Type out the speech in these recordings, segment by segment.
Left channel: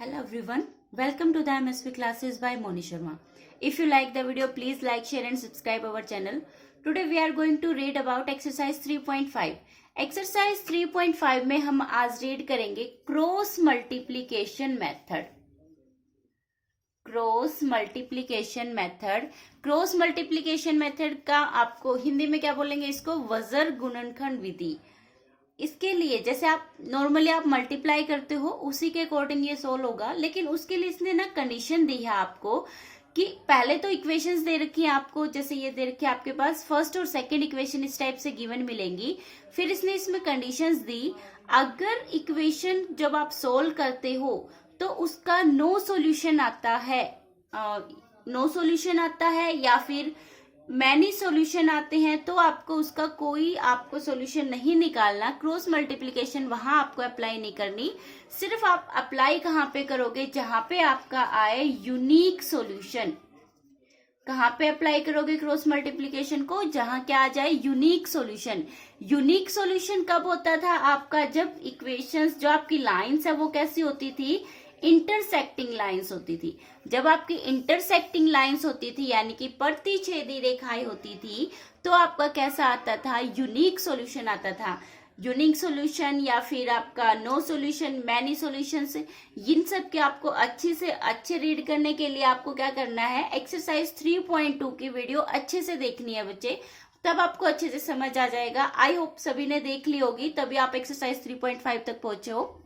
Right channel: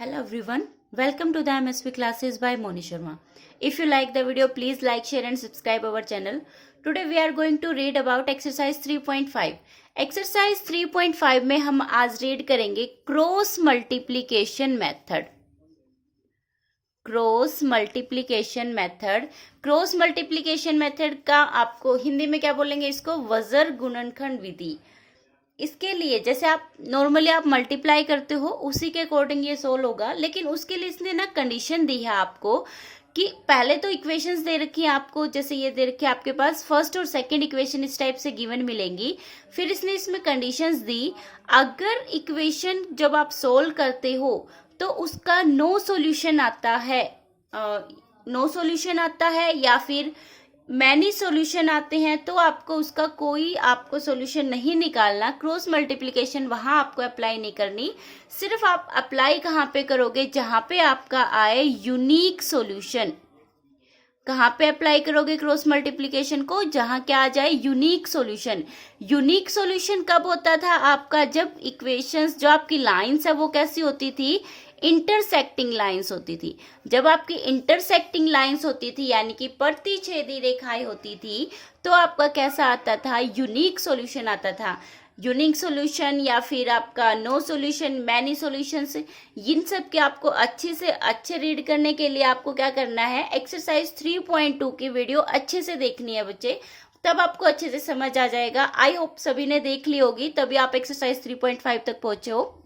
Hello everyone, welcome to the MSP classes by Moni Sharma. If you like the video, please like, share and subscribe our channel. Today we are going to read about exercise 3.5. Exercise 3.5 में हम आज read करेंगे cross multiplication method. Cross multiplication method का आपको हिंदी में क्या बोलेंगे, इसको वजर गुणनखंड विधि. इसके लिए जैसे आप नॉर्मली आप मल्टीप्लाई करते हो उसी के अकॉर्डिंग ये सोल्व होगा, लेकिन उसके लिए इसने ना कंडीशन दी है आपको कि पहले तो इक्वेशंस दे रखी है आपको, जैसे ये दे रखी है आपके पास फर्स्ट और सेकंड इक्वेशन इस टाइप से गिवन मिलेंगी. फिर इसने इसमें कंडीशंस दी, अगर इक्वेशन जब आप सोल्व करते हो तो उसका नो सॉल्यूशन आता है या फिर मैनी सॉल्यूशन आते हैं तो आपको उसका कोई आपको सॉल्यूशन नहीं निकालना. क्रॉस मल्टीप्लिकेशन वहां आपको अप्लाई नहीं करनी. सिर्फ आप अप्लाई कहां पे करोगे, जहां पे आपका आए यूनिक सॉल्यूशन. कहां पे अप्लाई करोगे क्रॉस मल्टीप्लिकेशन को, जहां क्या आ जाए यूनिक सॉल्यूशन. यूनिक सॉल्यूशन कब होता था आपका, जब इक्वेशंस जो आपकी लाइंस है वो कैसी होती थी, इंटरसेक्टिंग लाइंस होती थी. जब आपकी इंटरसेक्टिंग लाइंस होती थी यानी कि प्रतिच्छेदी रेखाएं होती थी, तो आपका कैसा आता था, यूनिक सॉल्यूशन आता था. यूनिक सॉल्यूशन या फिर आपका नो सॉल्यूशन, मैनी सॉल्यूशन से, इन सब के आपको अच्छे रीड करने के लिए आपको क्या करना है, एक्सरसाइज 3.2 की वीडियो अच्छे से देखनी है बच्चे, तब आपको अच्छे से समझ आ जाएगा. आई होप सभी ने देख ली होगी, तभी आप एक्सरसाइज 3.5 तक पहुंचे हो.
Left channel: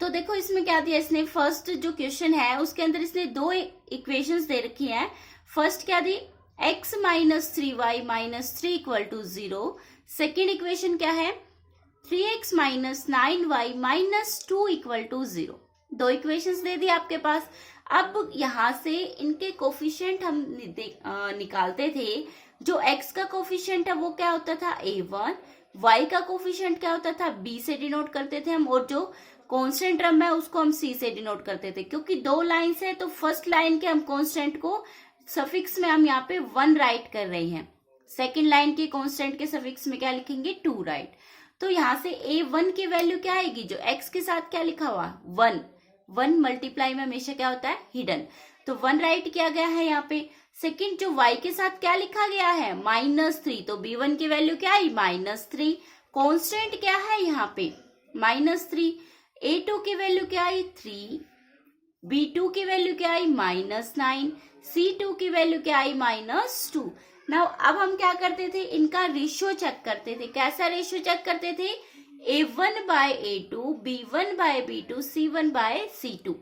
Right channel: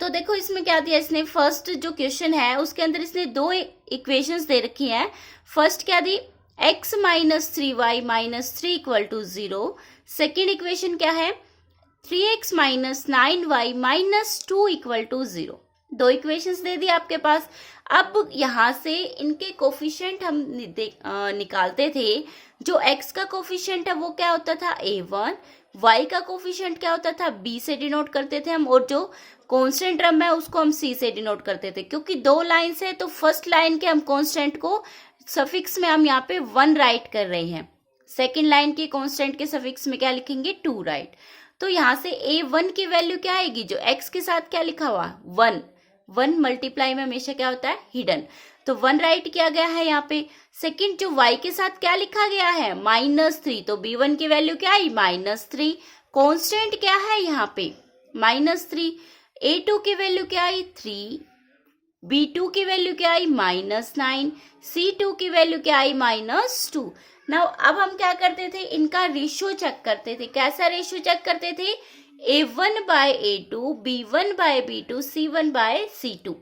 तो देखो इसमें क्या दिया इसने, फर्स्ट जो क्वेश्चन है उसके अंदर इसने दो इक्वेशंस दे रखी हैं. फर्स्ट क्या दी, x minus 3y minus 3 equal to 0. Second equation क्या है, 3x minus 9y minus 2 equal to 0. दो इक्वेशंस दे दी आपके पास. अब यहां से इनके कोफिशिएंट हम निकालते थे. जो x का कोफिशिएंट है वो क्या होता था, a1. y का कोफिशिएंट क्या होता था, b से डिनोट करते थे हम, और जो कांस्टेंट टर्म है उसको हम c से डिनोट करते थे. क्योंकि दो लाइंस है तो फर्स्ट लाइन के हम कांस्टेंट को सफिक्स में हम यहाँ पे 1 राइट कर रहे हैं, सेकंड लाइन के कांस्टेंट के सफिक्स में क्या लिखेंगे, 2 राइट. तो यहाँ से a1 की वैल्यू क्या आएगी, जो x के साथ क्या लिखा हुआ 1 मल्टीप्लाई में हमेशा क्या होता है, हिडन. तो 1 राइट किया गया है यहाँ पे. सेकंड जो y के साथ क्या लिखा गया है, -3, तो b1 की वैल्यू क्या आई, -3. कांस्टेंट क्या है यहाँ पे, -3. a2 की वैल्यू क्या आई, 3. b2 की वैल्यू क्या आई, -9. c2 की वैल्यू क्या आई, -2. नाउ अब हम क्या करते थे, इनका रेशियो चेक करते थे. कैसा रेशियो चेक करते थे, a1 bye a2, b1 bye b2, c1 bye c2.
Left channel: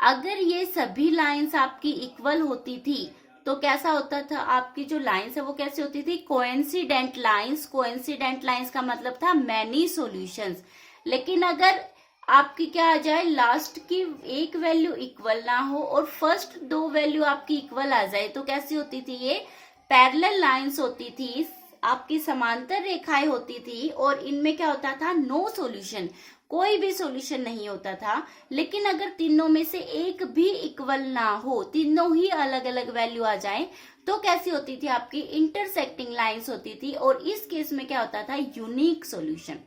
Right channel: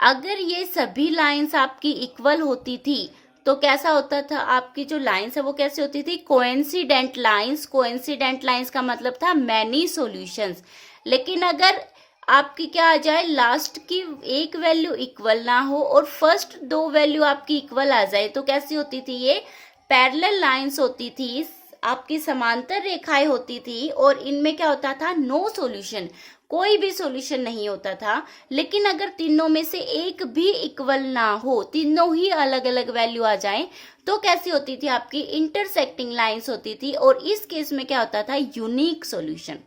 अगर ये सभी लाइंस आपकी इक्वल होती थी तो कैसा होता था, आपकी जो लाइंस है वो कैसे होती थी, कोइंसिडेंट लाइंस. कोइंसिडेंट लाइंस का मतलब था मैनी सॉल्यूशंस. लेकिन अगर आपकी क्या आ जाए, लास्ट की एक वैल्यू इक्वल ना हो और फर्स्ट दो वैल्यू आपकी इक्वल आ जाए, तो कैसी होती थी, ये पैरेलल लाइंस होती थी, आपकी समांतर रेखाएं होती थी, और इनमें क्या होता था, नो सॉल्यूशन, कोई भी सॉल्यूशन नहीं होता था. लेकिन अगर तीनों में से एक भी इक्वल ना हो, तीनों ही अलग अलग वैल्यू आ जाए, तो कैसी होती थी, आपकी इंटरसेक्टिंग लाइंस होती थी, और इस केस में क्या होता था, यूनिक सॉल्यूशन.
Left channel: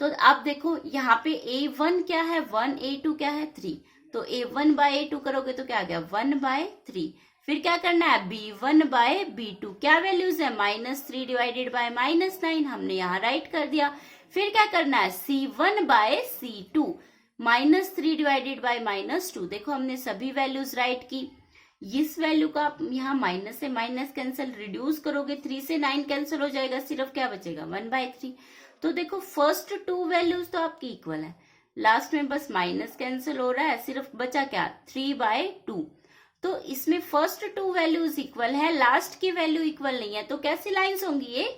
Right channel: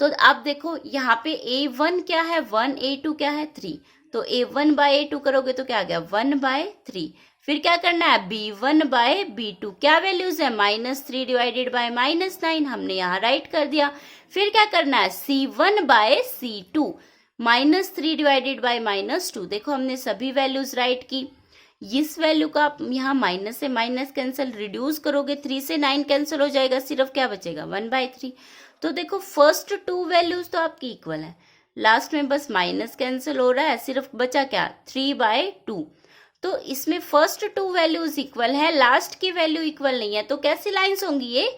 तो आप देखो यहाँ पे a1 क्या है, 1, a2 क्या है, 3. तो a1 बाय a2 करोगे तो क्या आ गया, 1/3. फिर क्या करना है, b1 बाय b2, क्या वैल्यूज है, -3 डिवाइडेड बाय -9, हमने यहाँ राइट कर दिया. फिर क्या करना है, c1 bye c2, -3 divided by -2. देखो हमने सभी वैल्यूज राइट की. इस वैल्यू का आप यहाँ माइनस से माइनस कैंसिल, रिड्यूस करोगे 3 से 9 कैंसिल हो जाएगा, सिर्फ क्या बचेगा, 1/3. तो देखो फर्स्ट 2 वैल्यूज तो आपकी इक्वल है, लास्ट में बस माइनस कैंसिल हो रहा है, सिर्फ बचा क्या, 3/2. तो इसमें फर्स्ट 2 वैल्यूज इक्वल है, लास्ट की वैल्यू इक्वल नहीं है. तो कैसी लाइंस होंगी ये,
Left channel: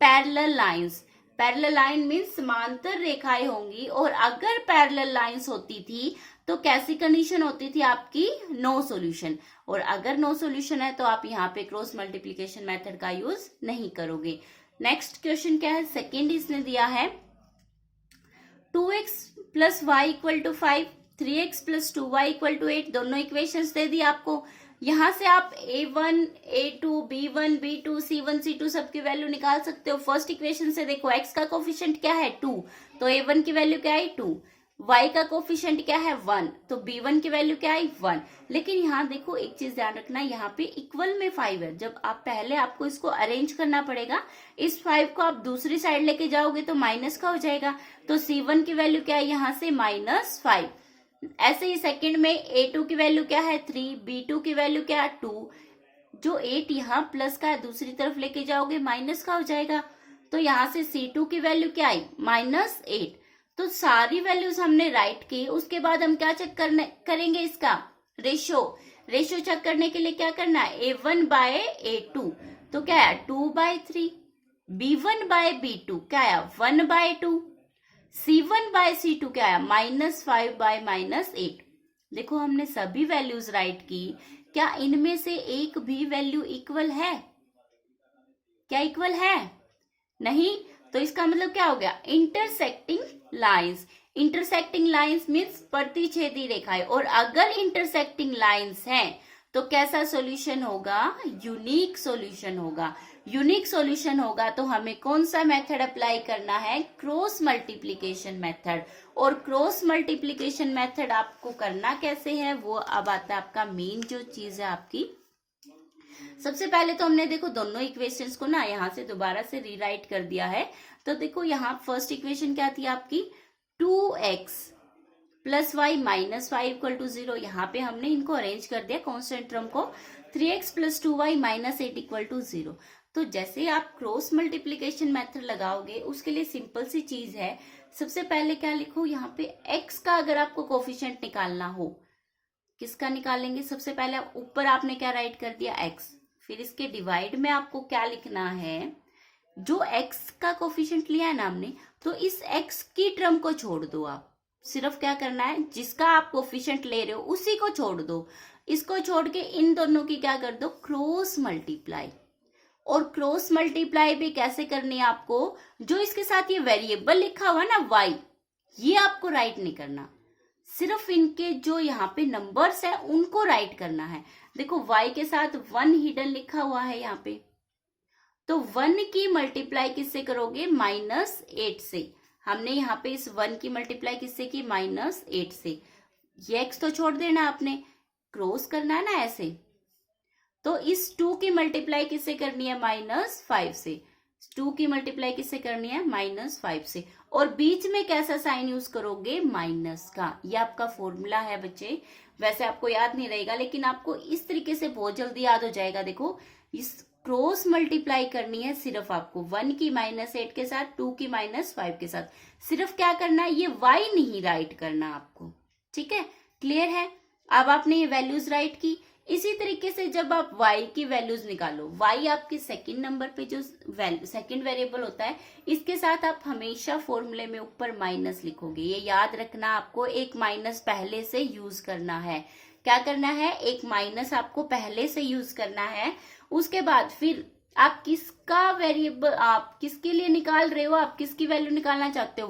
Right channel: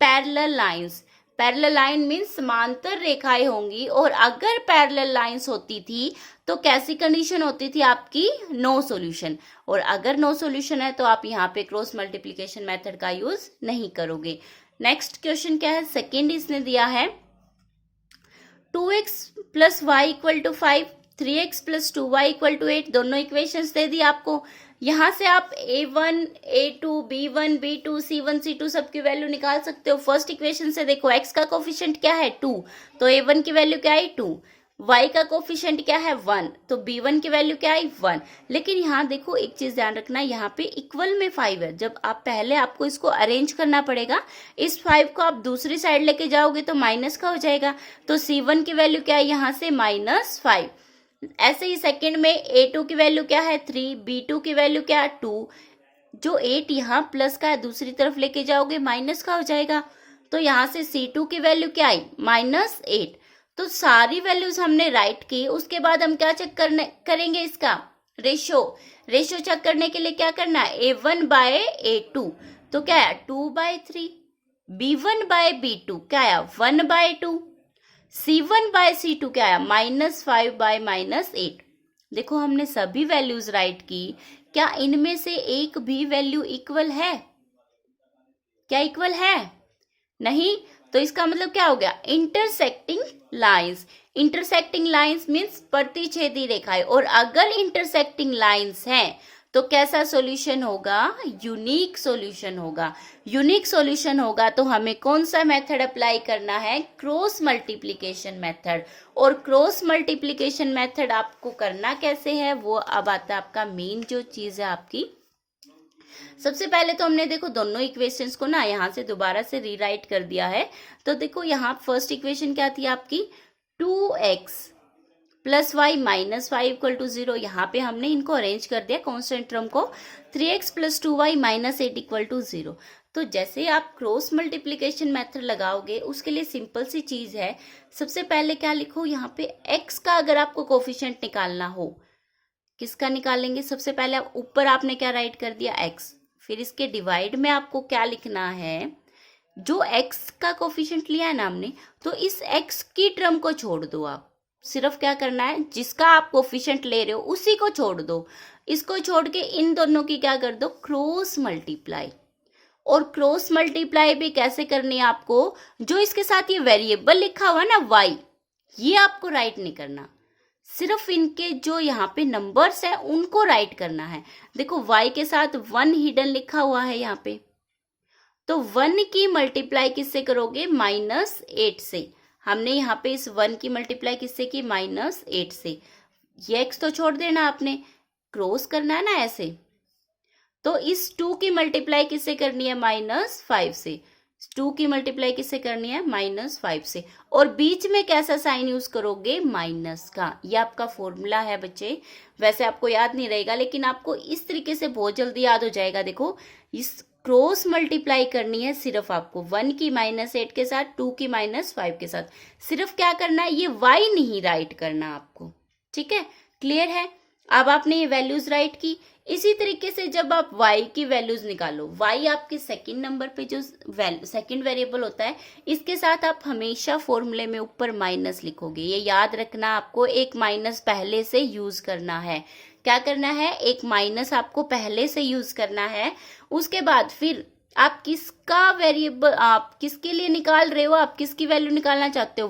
parallel lines. Parallel line means समांतर रेखाएं होंगी, और अगर पैरेलल लाइंस होती थी तो कैसी कंडीशन होती थी आपकी, नो सॉल्यूशन. और अगर नो सॉल्यूशन है तो आप यहाँ पे क्रॉस मल्टीप्लिकेशन मेथड का यूज नहीं करोगे. नेक्स्ट क्वेश्चन क्या है, सेकेंड इसने दिया है 2x plus y equal to 5, 3x plus 2y equal to 8. दोनों इक्वेशंस दे दी आपको. यहां से आप a1, a2, b1, b2, c1, c2 सबकी वैल्यू निकाल सकते हो. फर्स्ट इक्वेशन से देखो x का कोफिशिएंट क्या है, 2, तो a1 की वैल्यू क्या है, 2. y का कोफिशिएंट क्या है 1, तो b1 की वैल्यू क्या आई 1। लेकिन यहाँ देखो एक चीज ध्यान रखना, यहाँ पे इक्वल में 5 है। जब आप पहले आपको इसको अरेंज करना पड़ेगा, इस 5 को आप दूसरी साइड लेके जाओगे तो माइनस का हो जाएगा, तो c1 की वैल्यू क्या है यहाँ से -5। ऐसे ही सेकंड में a2 की वैल्यू क्या है 3, b2 की वैल्यू क्या है 2, जो 8 यहाँ प्लस का है दूसरी तरफ लेके जाओगे माइनस का हो जाएगा, तो यहाँ से c2 की वैल्यू क्या आई -8। तो सारी वैल्यूज हमने राइट की। उसके बाद हम क्या चेक करेंगे इसका रेशियो चेक करने के लिए क्या करना है a1/a2, तो क्या है 2/3, b1/b2 क्या है 1/2, c1/c2 क्या है -5/-8। देखो हमने सभी वैल्यूज राइट की, क्या इनमें से एक भी वैल्यू इक्वल है? क्या इक्वल है? नहीं। तो इसका मतलब क्या हो गया intersecting lines. Intersecting lines means प्रतिच्छेदी रेखाएं, और अगर इंटरसेक्टिंग लाइंस हैं तो कैसा सॉल्यूशन होगा? यूनिक सॉल्यूशन होगा। यूनिक सॉल्यूशन होगा तो हमें कौन सा मेथड अप्लाई करना है? Cross multiplication method. और क्रॉस मल्टीप्लिकेशन मेथड आपको करना कैसे है वो अब आता है आपका मेन जो चीज है आपकी। सबसे पहले तो हमने देखो दोनों इक्वेशंस को ना यहाँ से दोबारा से रीराइट कर दिया है। तो देखो यहाँ फर्स्ट इक्वेशन क्या थी आपकी 2x + y - 5 = 0। यहाँ पे हमने इनको अरेंज कर दिया कांस्टेंट टर्म को, 3x + 2y - 8 = 0। तो जैसे आप क्रॉस मल्टीप्लिकेशन मेथड लगाओगे उसके लिए सिंपल सी चीज है, सबसे पहले क्या लिखो यहाँ पे x का अगर आपको कोफिशिएंट निकालना हो, किसका निकालेंगे? सबसे पहले ऊपर आपने क्या राइट कर दिया x, फिर इसके डिवाइड में आपको क्या लिखना है? जो x का कोफिशिएंट लिया है ना हमने, तो इस x की टर्म को छोड़ दो। आप सिर्फ क्या करना है, जिसका आप कोफिशिएंट ले रहे हो उसी को छोड़ दो। इसको छोड़ के इन दोनों की क्या कर दो? Cross multiply. और क्रॉस मल्टीप्लाई भी कैसे करनी है आपको? जो इसके साथ ये वेरिएबल लिखा हुआ है ना y, ये आपको राइट नहीं करना, सिर्फ इनके जो यहाँ पे नंबर्स है उनको राइट करना है। देखो y के साथ 1 हिडन लिखा हुआ है यहाँ पे, तो 1 की मल्टीप्लाई किससे करोगे? -8 से। हमने यहाँ पे इस 1 की मल्टीप्लाई किससे की? -8 से। ये x तो छोड़ देना आपने, क्रॉस करना है ना ऐसे। तो इस 2 की मल्टीप्लाई किससे करनी है? -5 से। 2 की मल्टीप्लाई किससे करनी है? -5 से। और बीच में कैसा साइन यूज करोगे? माइनस का। ये आपका फॉर्मूला है बच्चे, वैसे आपको याद नहीं रहेगा लेकिन आपको इस तरीके से बहुत जल्दी याद हो जाएगा। देखो इस क्रॉस मल्टीप्लाई करनी है सिर्फ आपको 1 की -8 के साथ, 2 की -5 के साथ। सिर्फ क्या करना है? ये y नहीं राइट करना आपको, ठीक है? क्लियर है? अब आपने ये वैल्यूज राइट की। इसी तरीके से जब आप y की वैल्यूज निकालो, y आपके सेकंड नंबर पे जो सेकंड वेरिएबल होता है, इसके साथ आप हमेशा फॉर्मूले में ऊपर माइनस लिखोगे। ये याद रखना आपको, एक माइनस पहले से यूज करना है। क्या करना है? एक माइनस आपको पहले से यूज करना है। उसके बाद फिर आप किसका वेरिएबल, आप किसके लिए निकाल रहे हो, आप किसकी वैल्यू निकालना चाहते हो?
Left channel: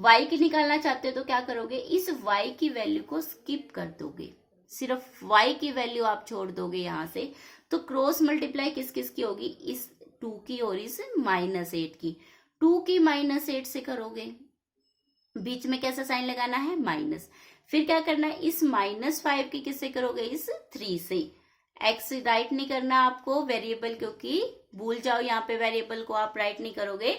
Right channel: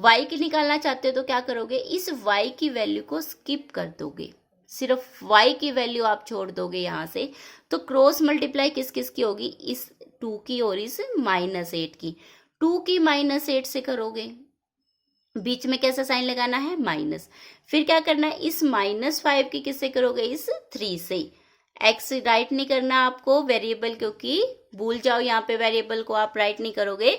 y की निकालना चाहते हो तो क्या करोगे? इस y की वैल्यू को स्किप कर दोगे, सिर्फ y की वैल्यू आप छोड़ दोगे यहाँ से। तो क्रॉस मल्टीप्लाई किस किस की होगी? इस 2 की और इस -8 की। 2 की -8 से करोगे, बीच में कैसा साइन लगाना है? माइनस। फिर क्या करना है? इस -5 की किससे करोगे? इस 3 से। x राइट नहीं करना आपको वेरिएबल, क्योंकि भूल जाओ यहाँ पे वेरिएबल को आप राइट नहीं करोगे।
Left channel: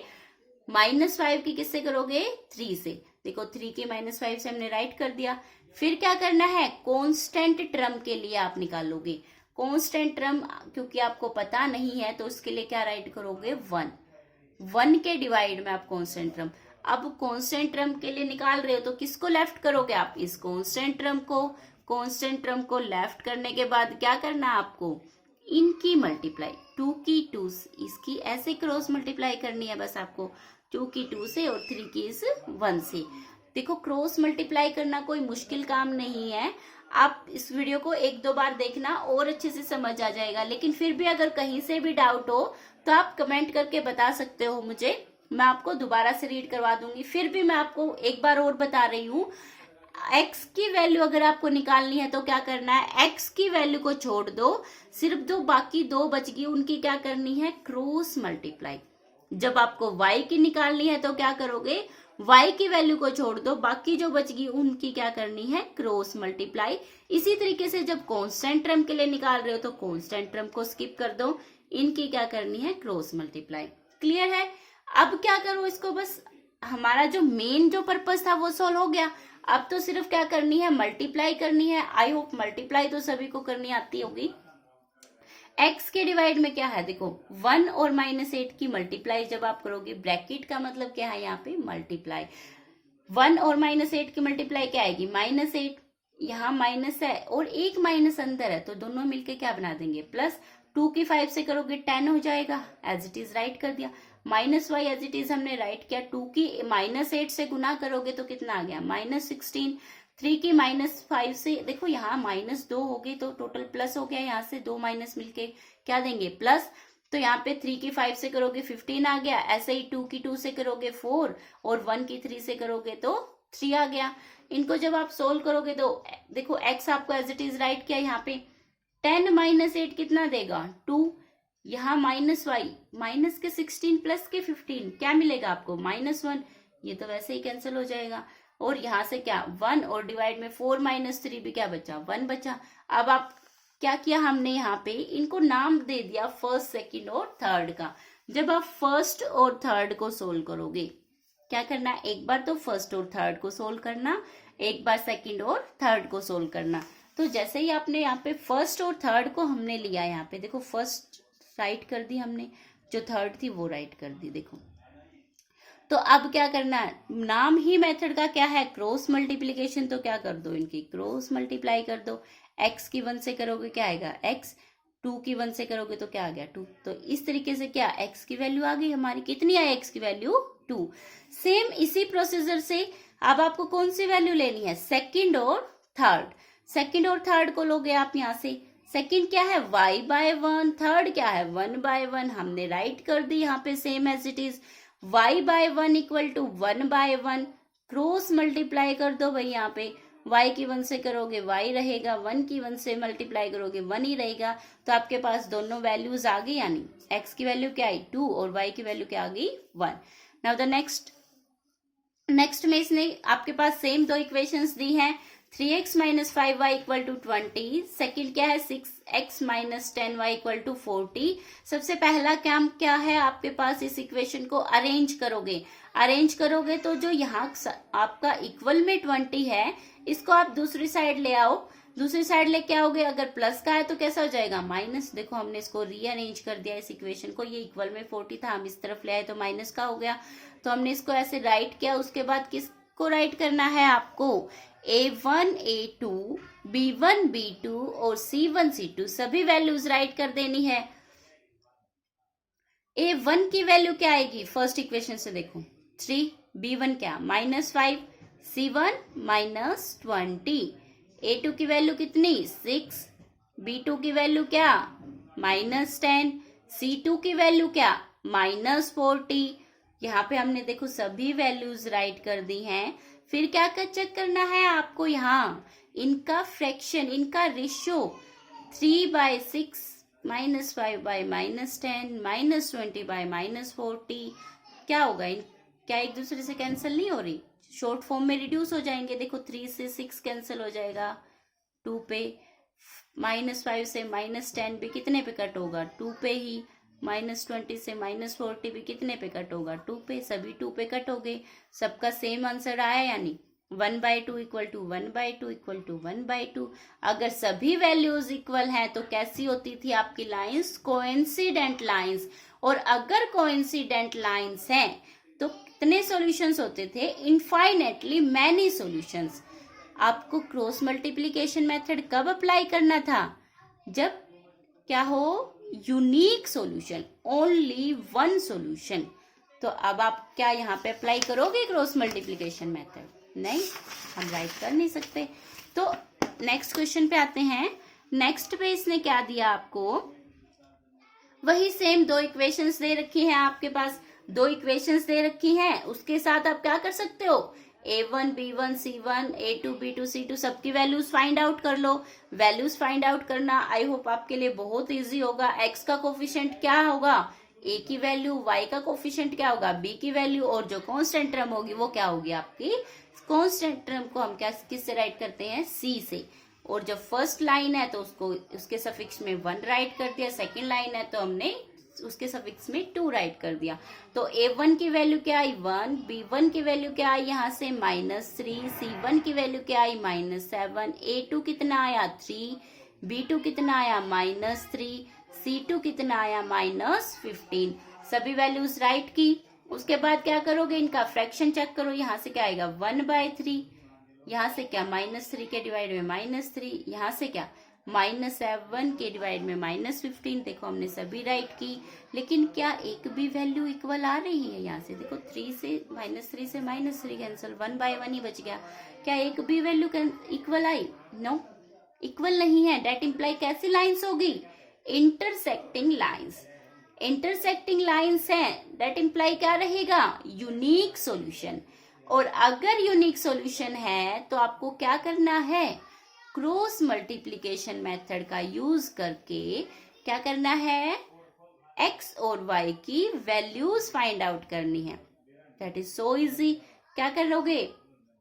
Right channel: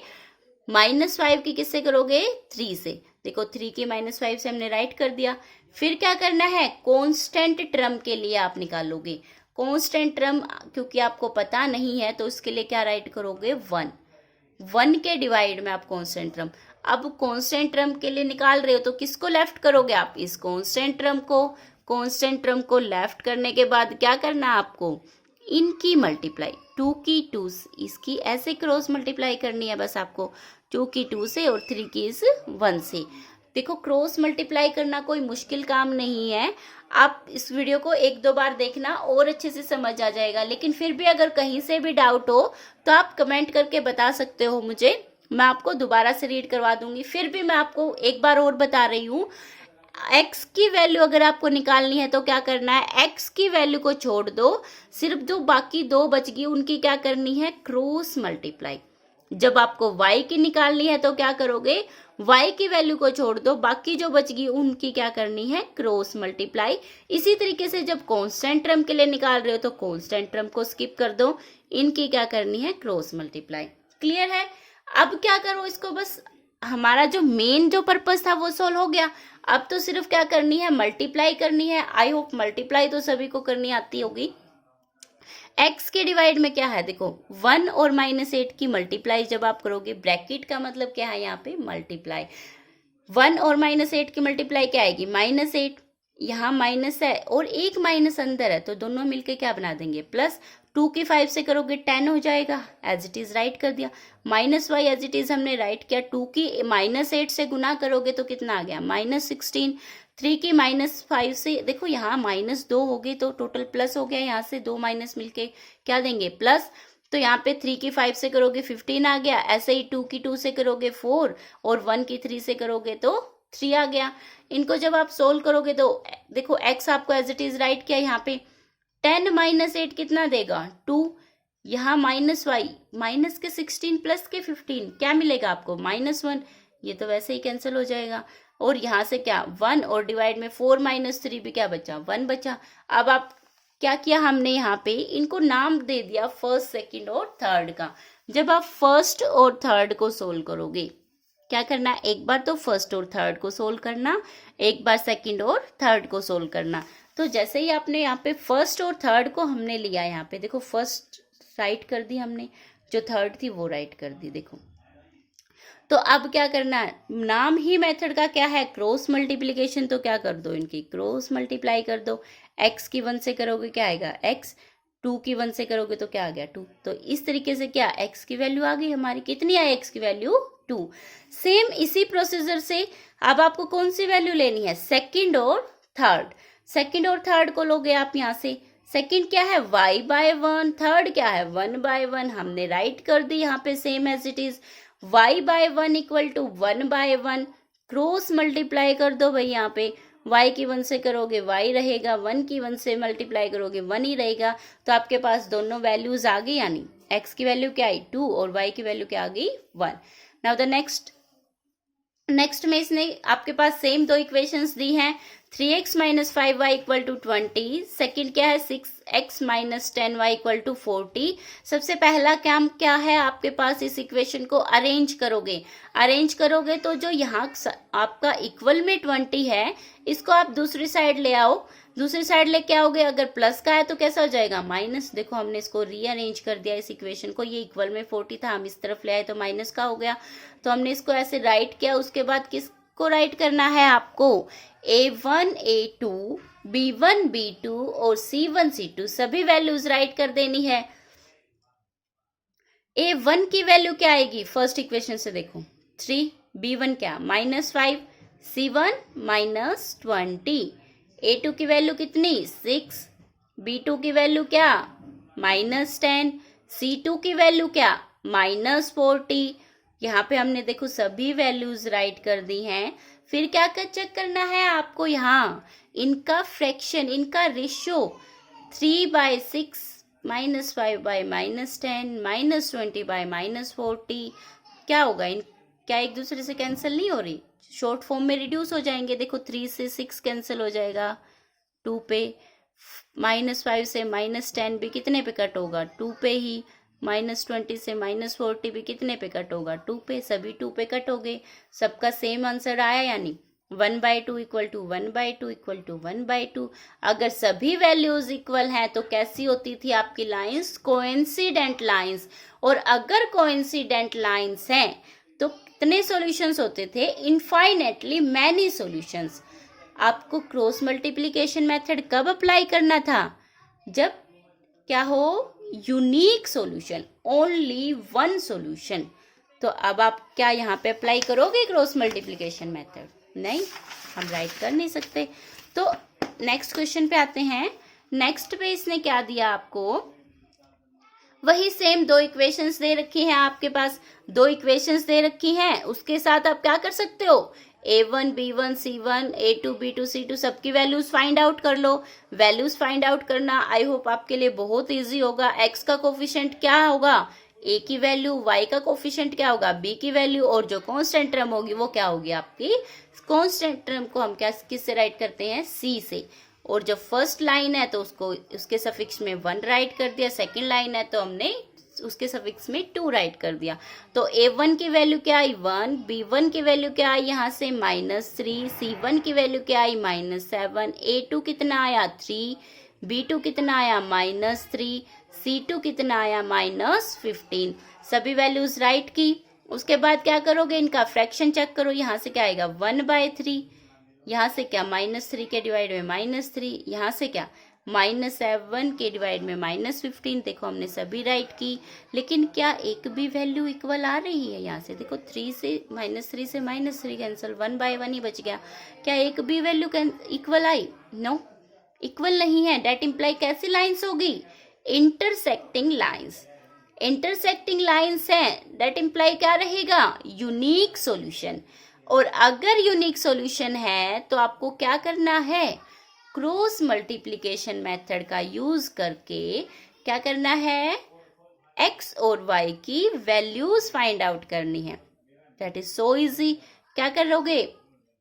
-5 की किससे करोगे? 3 से। देखो 3 की -5 से हमने राइट कर दिया। फिर क्या करना है? कांस्टेंट टर्म के लिए आप निकालोगे। कांस्टेंट टर्म क्योंकि आपको पता नहीं है तो उसके लिए क्या राइट करोगे? 1 के डिवाइड में आप कांस्टेंट टर्म। अब कांस्टेंट टर्म के लिए निकाल रहे हो तो किसको लेफ्ट करोगे? आप इस कांस्टेंट टर्म को। कांस्टेंट टर्म को लेफ्ट करने के बाद क्या करना है आपको? इनकी मल्टीप्लाई 2 की 2 इसकी ऐसे क्रॉस मल्टीप्लाई करनी है बस आपको, 2 की 2 से और 3 की इस 1 से। देखो क्रॉस मल्टीप्लाई करना कोई मुश्किल काम नहीं है। आप इस वीडियो को 1-2 बार देखना और अच्छे से समझ आ जाएगा। लेकिन फिर भी अगर कहीं से भी डाउट हो तो आप कमेंट करके बता सकते हो मुझे, मैं आपको दोबारा से रीड करवा दूंगी। फिर भी मैं आपको एक बार और बता रही हूँ, x की वैल्यू अगर आपको निकालनी है तो क्या करना है? x की वैल्यू को छोड़ दो, सिर्फ जो बाकी 2 बच गई उनकी क्या करनी है? Cross multiply. जब आपको y की निकालनी है तो क्या करोगे, y की वैल्यू को छोड़ दो, बाकी जो बचगी उनकी क्या करनी है, क्रॉस मल्टीप्लाई। इसी तरीके से जब कांस्टेंट टर्म के लिए निकाल रहे हो तो कांस्टेंट टर्म को स्किप कर दो, इनकी क्या करनी है, क्रॉस मल्टीप्लाई। क्लियर है? अब क्या करो इसको, बस हमारा जो मेन जो पर्पस था वो सोल्व हो गया। अब तो सिर्फ क्या करनी है, मल्टीप्लाई करनी है। आई होप मल्टीप्लाई तो सभी को करनी आती होगी। x के डिवाइड में क्या है, देखो 1 और -8 की मल्टीप्लाई जब आप करोगे, ब्रैकेट का मतलब क्या है यहाँ पे, मल्टीप्लाई। 1 और -8 की मल्टीप्लाई क्या आएगी, -8, यहाँ माइनस है और एक माइनस अंदर है, तो दोनों मिलके क्या बना देंगे, प्लस। 2 की 5 से करोगे 10 हो जाएगा, एज इट इज राइट कर दिया। -y एज इट इज हमने राइट किया। 2 की -8 से गुना करोगे तो कितना आ गया, -16। 3 की -5 से, देखो यहाँ -2 होगी तो टोटल प्लस हो गया, यहाँ से 2 माइनस मिलके क्या देंगे, प्लस। तो यहाँ पे 3 की 5 से करोगे 15 आ गया। ऐसे ही 2 की 2 से करोगे 4 और 1 की 3 से करोगे तो 3 आ गया। इनको जब आप सोल्व करोगे तो देखो x आपको एज इट इज राइट किया, यहाँ पे 10 -8 कितना देगा, 2। यहाँ -y माइनस के 16 प्लस के 15 क्या मिलेगा आपको, -1। ये तो वैसे ही कैंसिल हो जाएगा। और यहाँ से क्या 1 और डिवाइड में 4 -3 भी क्या बचा, 1 बचा। अब आप क्या किया, हमने यहाँ पे इनको नाम दे दिया फर्स्ट, सेकंड और थर्ड का। जब आप फर्स्ट और थर्ड को सोल्व करोगे, क्या करना है, एक बार तो फर्स्ट और थर्ड को सोल्व करना, एक बार सेकंड और थर्ड को सोल्व करना। तो जैसे ही आपने यहाँ पे फर्स्ट और थर्ड को हमने लिया, यहाँ पे देखो फर्स्ट राइट कर दी हमने, जो थर्ड थी वो राइट कर दी, देखो। तो अब क्या करना है, नाम ही मेथड का क्या है, क्रॉस मल्टीप्लीकेशन, तो क्या कर दो, इनकी क्रॉस मल्टीप्लाई कर दो। x की 1 से करोगे क्या आएगा x, 2 की 1 से करोगे तो क्या आ गया 2। तो इस तरीके से क्या x की वैल्यू आ गई हमारी, कितनी आई x की वैल्यू 2। सेम इसी प्रोसीजर से अब आपको कौन सी वैल्यू लेनी है, सेकंड और थर्ड। सेकंड और थर्ड को लोगे आप यहाँ से, सेकंड क्या है y/1, थर्ड क्या है 1/1, हमने राइट कर दी यहाँ पे same as it is. y/1 equal to 1/1, cross multiply कर दो भाई, यहाँ पे y की 1 से करोगे y रहेगा, 1 की 1 से मल्टीप्लाई करोगे 1 ही रहेगा। तो आपके पास दोनों वैल्यूज आ गई, यानी x की वैल्यू क्या आई 2 और y की वैल्यू क्या आ गई 1। नाउ द नेक्स्ट में इसने आपके पास सेम दो इक्वेशंस दी हैं, 3x - 5y equal to 20, second क्या है 6x - 10y इक्वल टू 40। सबसे पहला काम क्या है आपके पास, इस इक्वेशन को अरेंज करोगे तो जो यहाँ आपका इक्वल में 20 है, इसको आप दूसरी साइड ले आओ। दूसरी साइड लेके आओगे, अगर प्लस का है तो कैसा हो जाएगा, माइनस। देखो हमने इसको रीअरेंज कर दिया इस इक्वेशन को, ये इक्वल में 40 था, हम इस तरफ ले आए तो माइनस का हो गया। तो हमने इसको ऐसे राइट किया। उसके बाद किसको राइट करना है आपको, a1 a2 b1 b2 और c1 c2 सभी वैल्यूज राइट कर देनी है। a1 की वैल्यू क्या आएगी, फर्स्ट इक्वेशन से देखो 3, b1 क्या -5, c1 -20, a2 की वैल्यू कितनी 6, b2 की वैल्यू क्या -10, c2 की वैल्यू क्या -40। यहाँ पे हमने देखो सभी वैल्यूज राइट कर दी हैं। फिर क्या चेक करना है आपको, यहाँ इनका फ्रैक्शन, इनका रेशियो 3/6 -5/-10 -20/-40 क्या होगा, क्या एक दूसरे से कैंसिल नहीं हो रही, शॉर्ट फॉर्म में रिड्यूस हो जाएंगे। देखो 3 से 6 कैंसिल हो जाएगा 2 पे, -5 से -10 भी कितने पे कट होगा 2 पे ही, -20 से -40 भी कितने पे कट होगा 2 पे, सभी 2 पे कट हो गए। सबका सेम आंसर आया, यानी 1/2 इक्वल टू 1/2 इक्वल टू 1/2। अगर सभी वैल्यूज इक्वल हैं तो कैसी होती थी आपकी लाइंस, कोइंसिडेंट लाइंस। और अगर कोइंसिडेंट लाइंस हैं तो कितने सॉल्यूशंस होते थे, इनफाइनेटली मैनी सॉल्यूशंस। आपको क्रॉस मल्टीप्लिकेशन मेथड कब अप्लाई करना था, जब क्या हो, unique solution, only one solution. तो अब आप क्या यहाँ पे अप्लाई करोगे क्रॉस मल्टीप्लिकेशन मेथड, नहीं, हम राइट कर नहीं सकते। तो नेक्स्ट क्वेश्चन पे आते हैं। नेक्स्ट पे इसने क्या दिया आपको, वही सेम दो इक्वेशंस दे रखी हैं आपके पास, दो इक्वेशंस दे रखी हैं। उसके साथ आप क्या कर सकते हो, a1 b1 c1 a2 b2 c2 सबकी वैल्यूज फाइंड आउट कर लो। वैल्यूज फाइंड आउट करना आई होप आपके लिए बहुत इजी होगा। x का कोफिशिएंट क्या होगा ए की वैल्यू, वाई का कोफिशिएंट क्या होगा, बी की वैल्यू, और जो कांस्टेंट टर्म होगी वो क्या होगी आपकी, कांस्टेंट टर्म को हम क्या किससे राइट करते हैं, सी से। और जब फर्स्ट लाइन है तो उसको उसके सफिक्स में 1 राइट कर दिया, सेकंड लाइन है तो हमने उसके सफिक्स में 2 राइट कर दिया। तो A1 की वैल्यू क्या आई 1, B1 की वैल्यू क्या आई यहाँ से -3, C1 की वैल्यू क्या आई -7, A2 कितना आया 3, B2 कितना आया -3, C2 कितना आया -15। सभी वैल्यूज राइट की। उसके बाद क्या करोगे, इनका फ्रैक्शन चेक करो, यहाँ से क्या आएगा 1/3, यहाँ से क्या -3 के डिवाइड में -3, यहाँ से क्या -7 के डिवाइड में -15। देखो हमने सभी राइट की, लेकिन क्या एक भी वैल्यू इक्वल आ रही है, यहाँ से देखो 3 से -3 से -3 कैंसिल, 1/1 ही बच गया। क्या एक भी वैल्यू इक्वल आई, नो इक्वल नहीं है। डेट इम्प्लाई कैसी लाइन्स होगी, इंटरसेक्टिंग लाइन्स, इंटरसेक्टिंग लाइन्स है, डेट इम्प्लाई क्या रहेगा, यूनिक सॉल्यूशन। और अगर यूनिक सॉल्यूशन है तो आपको क्या करना है, क्रॉस मल्टीप्लिकेशन मेथड का यूज करके क्या करना है, x और y की वैल्यूज फाइंड आउट करनी है। That is so easy. क्या करोगे,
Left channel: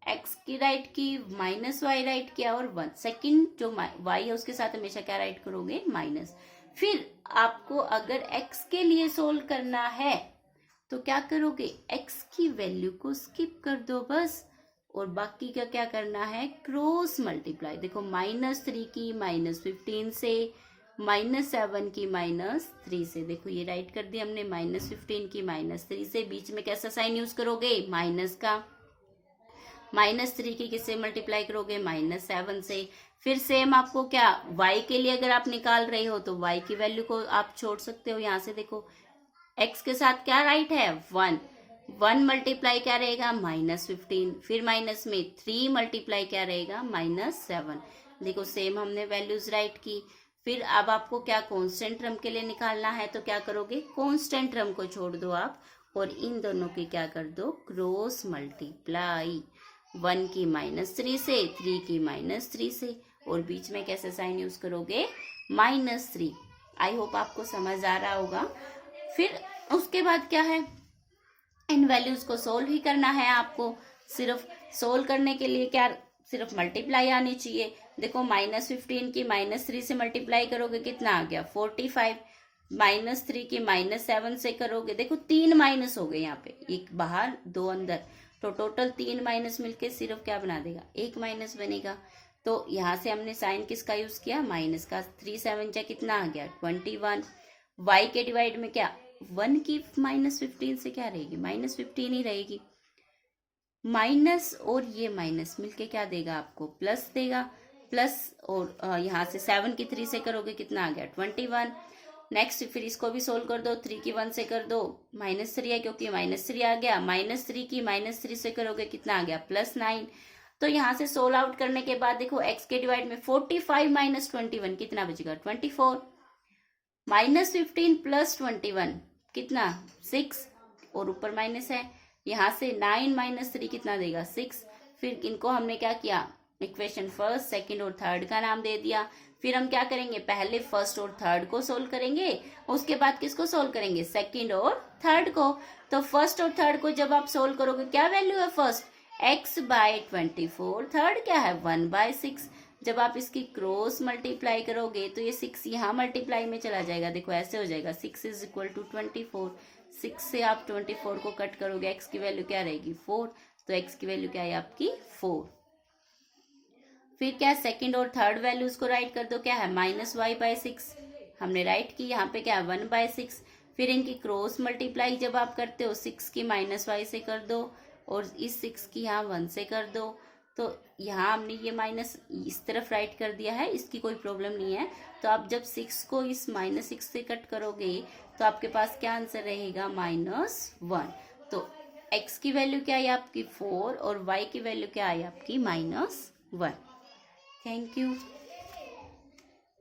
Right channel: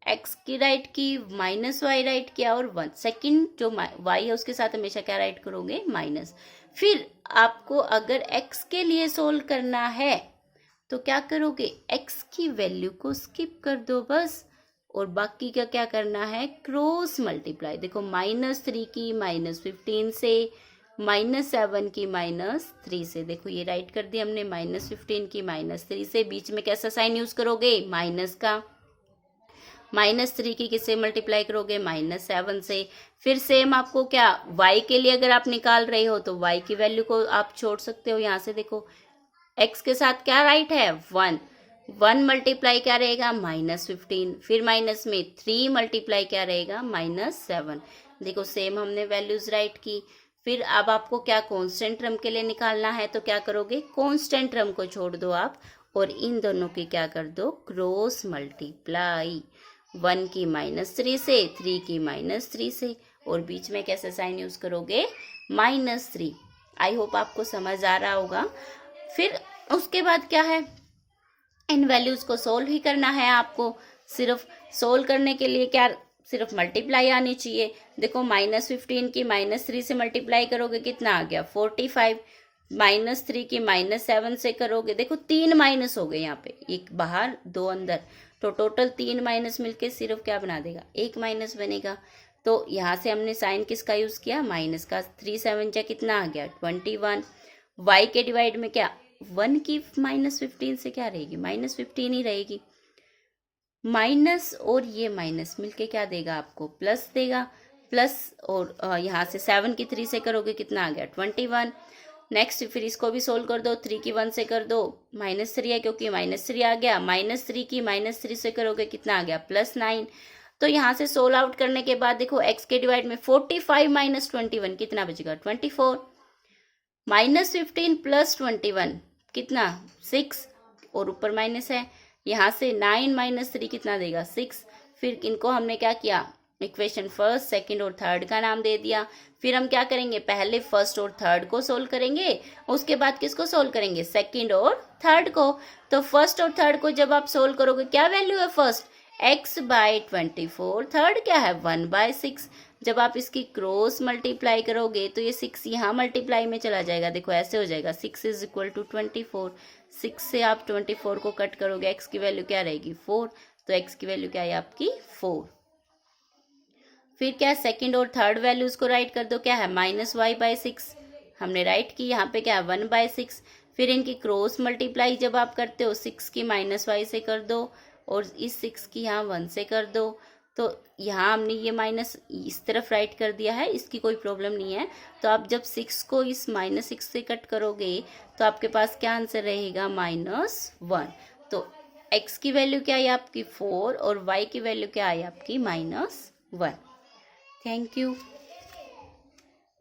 x की राइट की, -y राइट किया, और 1 सेकेंड जो y है उसके साथ हमेशा क्या राइट करोगे, माइनस। फिर आपको अगर x के लिए सोल्व करना है तो क्या करोगे, x की वैल्यू को स्किप कर दो बस, और बाकी का क्या करना है, क्रॉस मल्टीप्लाई। देखो -3 की -15 से, -7 की -3 से, देखो ये राइट कर दिया हमने, -15 की -3 से, बीच में कैसा साइन यूज करोगे, माइनस का। -3 की किससे मल्टीप्लाई करोगे, -7 से। फिर सेम आपको क्या, y के लिए अगर आप निकाल रहे हो तो y की वैल्यू को आप छोड़ सकते हो, यहाँ से देखो x के साथ क्या राइट है 1 मल्टीप्लाई क्या रहेगा -15, फिर माइनस में 3 मल्टीप्लाई क्या रहेगा -7। देखो सेम हमने वैल्यूज राइट की। फिर अब आपको क्या कांस्टेंट टर्म के लिए निकालना है, तो क्या करोगे, कांस्टेंट टर्म को छोड़ दो आप, और इन दोनों की क्या कर दो, क्रॉस मल्टीप्लाई। 1 की -3 से, 3 की -3 से, और बीच में कैसे साइन यूज करोगे, -3। आई होप आपको समझ आ रहा होगा। फिर उसके बाद क्या है, इन वैल्यूज को सोल्व ही करना है आपको। सिर्फ सोल्व करने के लिए क्या, सिर्फ मल्टीप्लाई आनी चाहिए। देखो -15 की -3 से मल्टीप्लाई करोगे कितना आ गया 45, -3 की -7 से करोगे, देखो 3 माइनस हो गए यहाँ पे, एक बाहर 2 अंदर, तो टोटल 3 माइनस मिलके सिर्फ क्या बना देगा, 1 माइनस बनेगा। तो यहाँ से हमने साइन किसका यूज किया, माइनस का। 3 7 जा कितना आ गया 21। y के डिवाइड में क्या, 1 की -15 से क्या रहेगी, -15 ही रहेगी। माइनस और ये माइनस मिलके क्या देगा आपको, प्लस देगा। प्लस और यहाँ से 7 की 3 से करोगे कितना आ गया 21। नेक्स्ट फिर इसको भी सोल्व कर दो, 3 की 1 से कर दो, -3 है क्योंकि -3 आ गया। -3 की -3 से करोगे कितना आ गया +9। तो यहाँ से सोल्व आउट करने के बाद देखो x के डिवाइड में 45 - 21 कितना बचेगा 24। -15 + 21 कितना 6, और ऊपर माइनस है। यहाँ से 9 - 3 कितना देगा 6। फिर इनको हमने क्या किया, इक्वेशन फर्स्ट, सेकंड और थर्ड का नाम दे दिया। फिर हम क्या करेंगे, पहले फर्स्ट और थर्ड को सोल्व करेंगे, उसके बाद किसको सोल्व करेंगे, सेकंड और थर्ड को। तो फर्स्ट और थर्ड को जब आप सोल्व करोगे, क्या वैल्यू है फर्स्ट x/24, थर्ड क्या है 1/6। जब आप इसकी क्रॉस मल्टीप्लाई करोगे तो ये 6 यहाँ मल्टीप्लाई में चला जाएगा, देखो ऐसे हो जाएगा 6 = 24। 6 से आप 24 को कट करोगे, x की वैल्यू क्या रहेगी 4, तो x की वैल्यू क्या है आपकी 4। फिर क्या, सेकंड और थर्ड वैल्यूज को राइट कर दो, क्या है -y/6 हमने राइट की, यहाँ पे क्या है 1/6। फिर इनकी क्रॉस मल्टीप्लाई जब आप करते हो 6 की -y से कर दो, और इस 6 की यहाँ 1 से कर दो। तो यहाँ हमने ये माइनस इस तरफ राइट कर दिया है, इसकी कोई प्रॉब्लम नहीं है। तो आप जब 6 को इस -6 से कट करोगे तो आपके पास क्या आंसर रहेगा -1। तो x की वैल्यू क्या है आपकी 4, और y की वैल्यू क्या है आपकी -1। Thank you.